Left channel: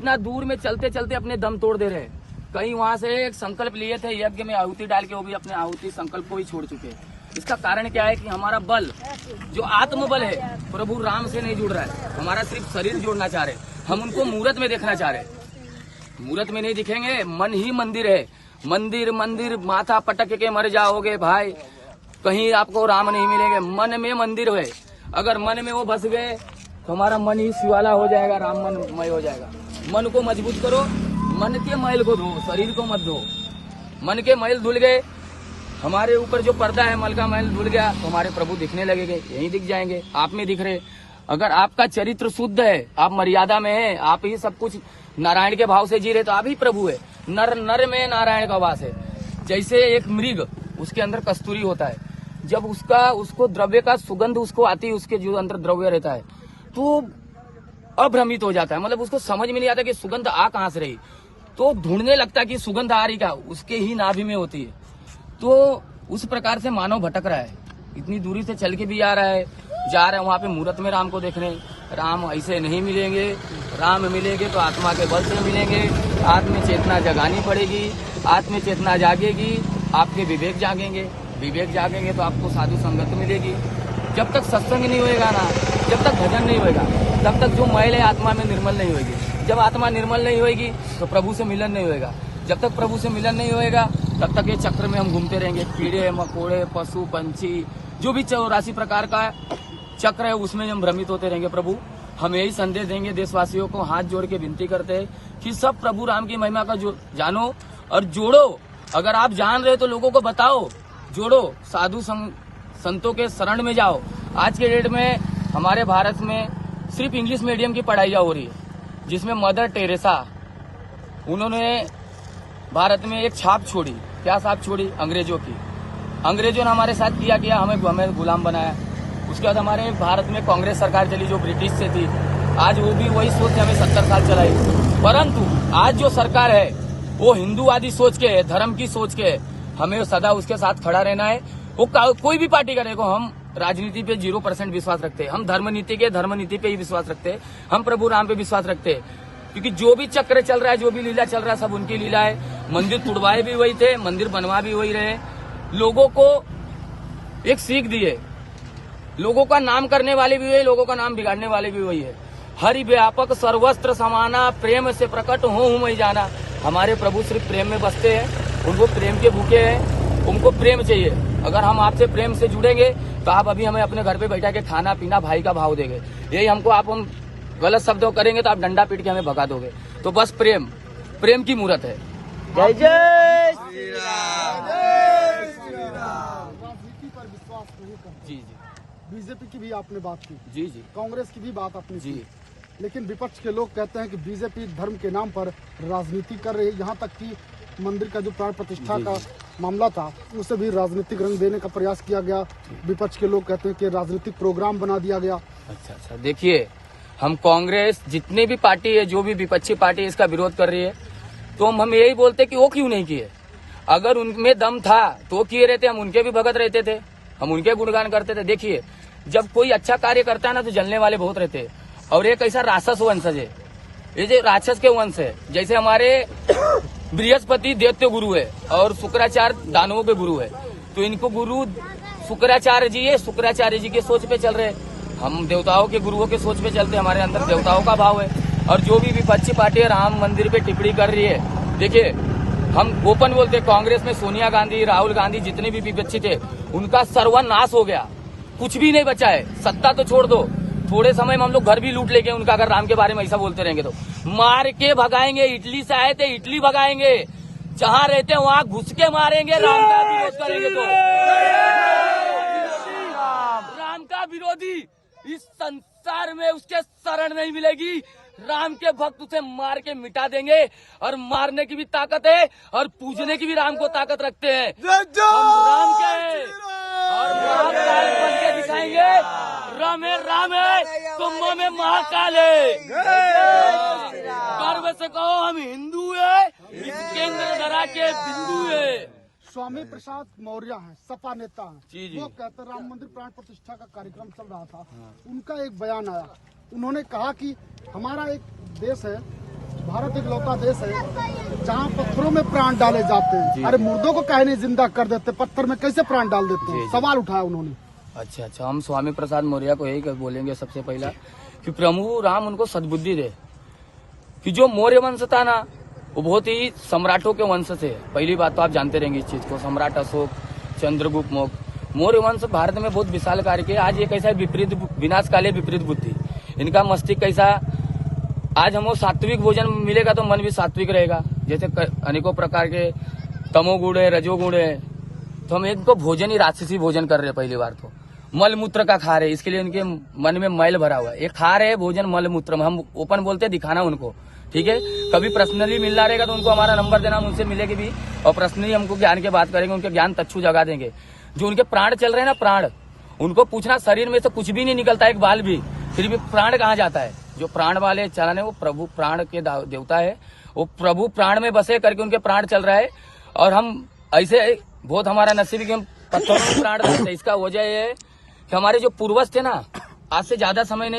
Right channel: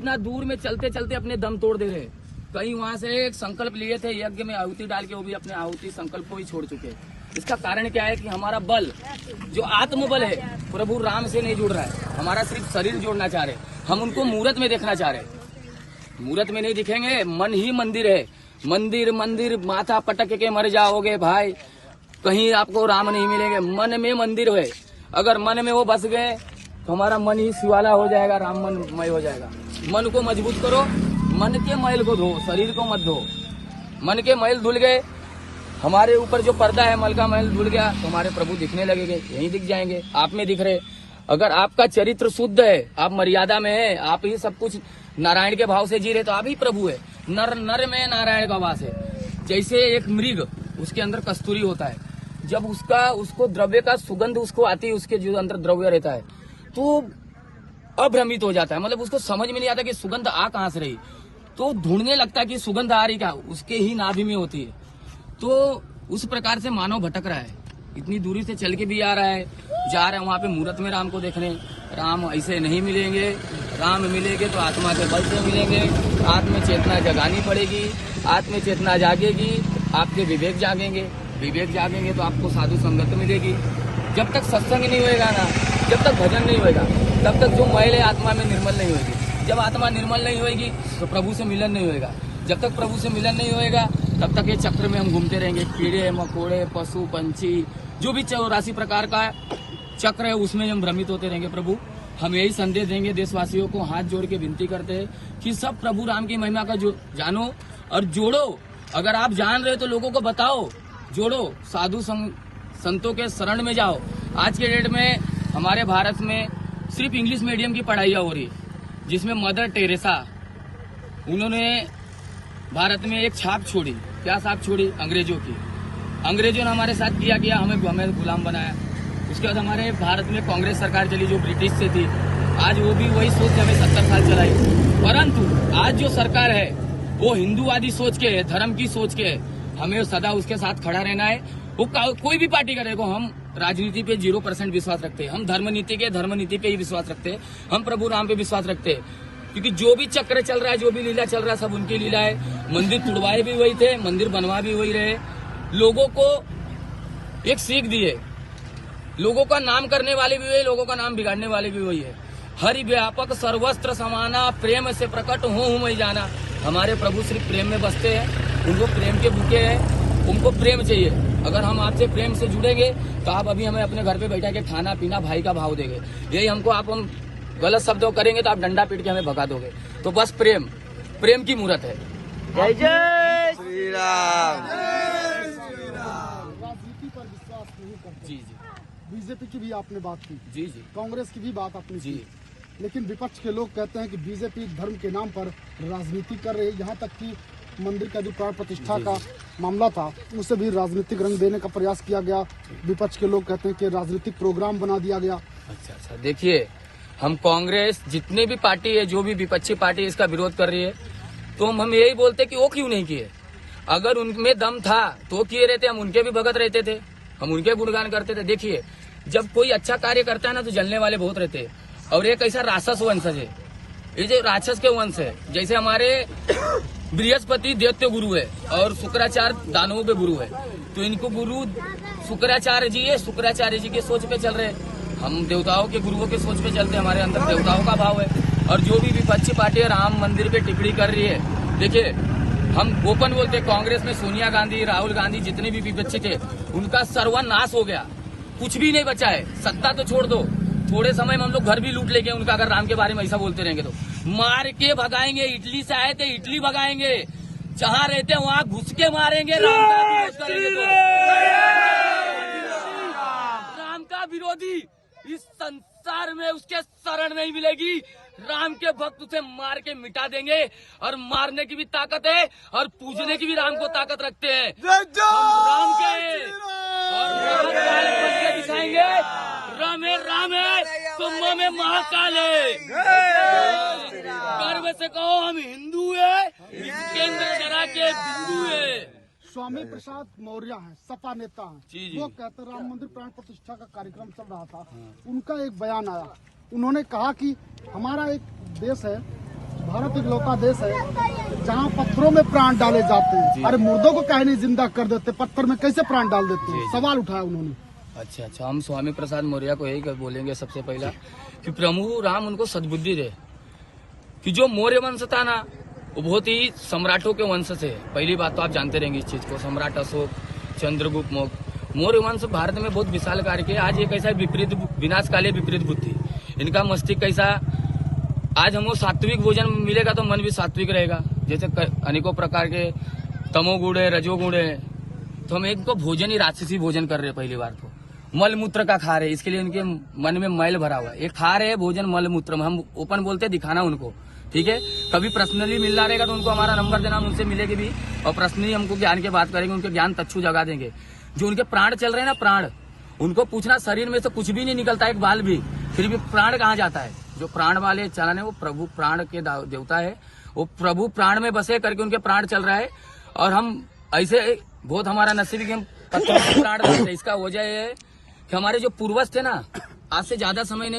इतना दूर में चलते चलते अपने दम तोड़ दे रहे हैं। कहीं वहां से एक संकल्प लिए थे यज्ञ में आहुति डाल के, वो भी अपने आहुति संकल्प को ही छोड़ चुके हैं। इसका कारण क्या है कि हमारा बल जो आत्मबल है प्रभु राम से नहीं जुड़ रहा है। हमारा सिर्फ शरीर जोड़ना चाह रहे, हम उनको मूर्त में देखना चाह रहे। मूर्त में नहीं दिखेंगे, मन ही मंदिर है। मंदिर मंदिर माथा पटक के मर जाओगे भाई, कहीं आपको राम नहीं मिलेंगे। मन में मंदिर है, अगर मन में वो बस गए तो हमारा मन ही शिवाला हो जाएगा, राम मनमय हो जाएगा। मन को मजबूत करो, मन के मैल को धो, शरीर को मत धो। मन के मैल धुल गए, हमारे ऊपर जो पर्दा है मल का मैल धुल गया तो हमारे प्रभु दिखने लगेंगे, यहीं दिख जाएंगे, आप में दिख रहे। अगर आपका चरित्र शुद्ध है, आप मर्यादा में है, आप ही सब कुछ नारायण के भाव से जी रहे तो आप ही प्रभु है। नर नर में नारायण का वास है। जैसे एक मृग, उसके अंदर कस्तूरी होता है, जब उसको द्रव्य का सुगंध उसको आती है, उसके जो अंदर द्रव्य रहता है तो अभ्रमित हो जाता है, मतलब उसको समझ में नहीं आता कि सुगंध आ कहां से रही, तो ढूंढने लगता है कि सुगंध आ रही क्या, उसके ही नाभि में होती है। तो उस प्रकार से मानव भटक रहा है, इतनी दूरी से चल के भी आ रहा है, जा रहा है वहां पे मूर्त में राम को देखने। राम ऐसे नहीं मिलेंगे, राम मिलेंगे तो आत्मा के बल से मिलेंगे। आत्म चेतना जगानी पड़ेगी, आत्म चेतना जागेगी, आपके विवेक जागेंगे, विवेक जागेंगे तो आपको साधु संगत मिलेगी। जब तक सत्संग नहीं होएगा ना, जब तक भजन नहीं होएगा, तब तक जो मैल है आत्मा में निर्मल नहीं होगी। जब आत्मा निर्मल नहीं होएगी तो प्रभु से मिलन नहीं होएगा। जब तक प्रभु से मिलन नहीं होएगा तब तक ये चक्र में हम घूमते रहेंगे। कीड़े मकोड़े पशु पंछी जो भी 84 प्रकार का चक्र है उसमें हम भ्रमित होते रहेंगे। प्रभु हम यही संदेश देंगे देशवासियों को, हाथ जोड़ के विनती करते हैं कि सब प्रभु राम की महिमा का जो जानो और जोड़ो। अगर आप जान रहे हो तो लोगों को बताओ, जोड़ो, साधु संतों के शरण में जाओ। आज के डेट में हमारे भारत में सिर्फ इंग्लिश मीडियम की पढ़ाइयाँ हो रही है, जिसमें मदर टेरेसा उन्होंने भारत में एक छाप छोड़ी। क्या छाप छोड़ी? अंग्रेजों की। अंग्रेजों ने हमारे साथ किया, हमें गुलाम बनाया। उसके बाद हमारे भारत में कांग्रेस सरकार चली जो ब्रिटिश से थी, आज वो भी वही सोच के हमें 70 साल चलाई। परंतु आज जो सरकार है वो हिंदूवादी सोच के है, धर्म की सोच के है। हमें सदा उसके साथ खड़ा रहना है। वो कोई भी पार्टी करे को, हम राजनीति पे 0% विश्वास रखते हैं। हम धर्म नीति पे ही विश्वास रखते हैं। हम प्रभु राम पे विश्वास रखते हैं, क्योंकि जो भी चक्र चल रहा है, जो भी लीला चल रहा है, सब उनकी लीला है। मंदिर तुड़वाए भी वही थे, मंदिर बनवा भी वही रहे। लोगों को एक सीख दी है, लोगों का नाम करने वाले भी वही, लोगों का नाम बिगाड़ने वाले भी वही है। हरि व्यापक सर्वस्त्र समाना, प्रेम से प्रकट हूँ मैं जाना। हमारे प्रभु सिर्फ प्रेम में बसते हैं, उनको प्रेम के भूखे हैं, उनको प्रेम चाहिए। अगर हम आपसे प्रेम से जुड़ेंगे तो आप अभी हमें अपने घर पे बैठा के खाना पीना भाई का भाव देंगे। यही हमको हम गलत शब्द करेंगे तो आप डंडा पीट के हमें भगा दोगे। तो बस प्रेम की मूर्त है। जय जय श्री राम। राजनीति पर विश्वास नहीं करते। जी। बीजेपी की भी आपने बात की, जी। कांग्रेस की भी बात आपने जी। की, लेकिन विपक्ष के लोग कहते हैं कि बीजेपी धर्म के नाम पर राजनीति कर रही है। यहाँ तक कि मंदिर का जो प्राण प्रतिष्ठा का मामला था उसे भी राजनीतिक रंग देने का प्रयास किया गया। विपक्ष के लोग कहते हैं कि राजनीतिक प्रोग्राम बना दिया गया। अच्छा, देखिए, हम कांग्रेस जितनी भी पार्टी है, जो भी विपक्षी पार्टी इसका विरोध कर रही है, तो हम यही बोलते कि वो क्यों नहीं किए। अगर उनमें दम था तो किए रहते, हम उनके भी भगत रहते थे, हम उनके गुणगान करते थे। देखिए, जब कोई अच्छा कार्य करता है ना तो जलने वाले बहुत रहते हैं। और एक ऐसा राक्षस वंशज है, ये जो राक्षस के वंश है। जैसे हमारे बृहस्पति दैत्य गुरु है और शुक्राचार्य दानवों के गुरु है, तो इनको गुरु शुक्राचार्य जी है, शुक्राचार्य जी के सोच पे चल रहे हैं। हम देवताओं के गुरुओं के सोच पे चलते, हमारे अंदर देवताओं का भाव है। और जो भी विपक्षी पार्टी राम मंदिर पे टिप्पणी कर रही है, देखिए, हम ओपन बोलते, कांग्रेस में सोनिया गांधी, राहुल गांधी जितने भी विपक्षी थे उनका सर्वनाश हो गया, कुछ भी नहीं बचा है। सत्ता तो छोड़ दो, थोड़े समय में हम लोग घर भी लूट लेंगे उनका, अगर राम के बारे में ऐसा बोलते रहेंगे तो। मार के भगाएंगे, इटली से आए थे इटली भगाएंगे, जहां रहते वहां घुस के मारेंगे। राम का विरोध करेंगे तो राम का विरोधी इस संसार में उसके शरण नहीं मिलेगी। राम के भक्त उसे मार के मिटा देंगे, और मारने की भी ताकत है और पूजने की भी राम को ताकत रखते हैं। हम राम के हैं और महाकाल बन के दिखाएंगे। राम है, कुंभ में महाकाल है। गर्व से कहो हम हिंदू है, केंद्र धरा के बिंदु है। स्वामी प्रसाद मौर्य हैं, सपा नेता हैं। जी। वो कहते राम मंदिर प्राण प्रतिष्ठा का कार्यक्रम चल रहा था, उनका एक बयान आया। उन्होंने कहा कि हमारा एक देश है भारत इकलौता देश है जहाँ पत्थरों में प्राण डाले जाते हैं। अरे मुर्दों को काहे नहीं जिंदा कर देते, पत्थर में कैसे प्राण डाल देते हैं? सवाल उठाया उन्होंने। अच्छा, हम स्वामी प्रसाद मौर्य को यही बोलेंगे सबसे पहला कि प्रभु राम उनको सद्बुद्धि दे, कि जो मौर्य वंश था ना वो बहुत ही सम्राटों के वंश से। पहली बात तो आप जानते रहेंगे इस चीज को, सम्राट अशोक, चंद्रगुप्त मौर्य वंश भारत में बहुत विशाल कार्य किया। आज ये कैसा विपरीत विनाशकाली विपरीत बुद्धि, इनका मस्तिष्क कैसा, आज हमको सात्विक भोजन मिलेगा तो मन भी सात्विक रहेगा। जैसे अनेकों प्रकार के तमोगुण है, रजोगुण है, तो हम एक तो भोजन ही राक्षसी भोजन कर रहे हैं। पहली बार तो मल मूत्र का खा रहे हैं, इसके लिए उनके मन में मैल भरा हुआ है। ये खा रहे हैं भोजन मल मूत्र में, हम ओपन बोलते हैं, दिखाना उनको, ठीक है। कभी पर्सनली मिलना रहेगा तो उनको हमारा नंबर देना, उनसे मिलेगी भी और पर्सनली हमको ज्ञान की बात करेंगे, उनके ज्ञान तच्छू जगा देंगे। जो उनके प्राण चल रहे हैं ना, प्राण, उनको पूछना शरीर में तो कुछ भी नहीं निकलता, एक बाल भी, फिर भी प्राण कहाँ जाता है? जो प्राण वाले चलन है वो प्रभु प्राण के देवता है, वो प्रभु प्राण में बसे करके उनके प्राण चल रहा है। और हम ऐसे बहुत हमारा नसीब कि हम पत्थर से प्राण बसे। इसका वजह ये है कि हमारे जो पूर्वज थे ना, आज से ज्यादा समय नहीं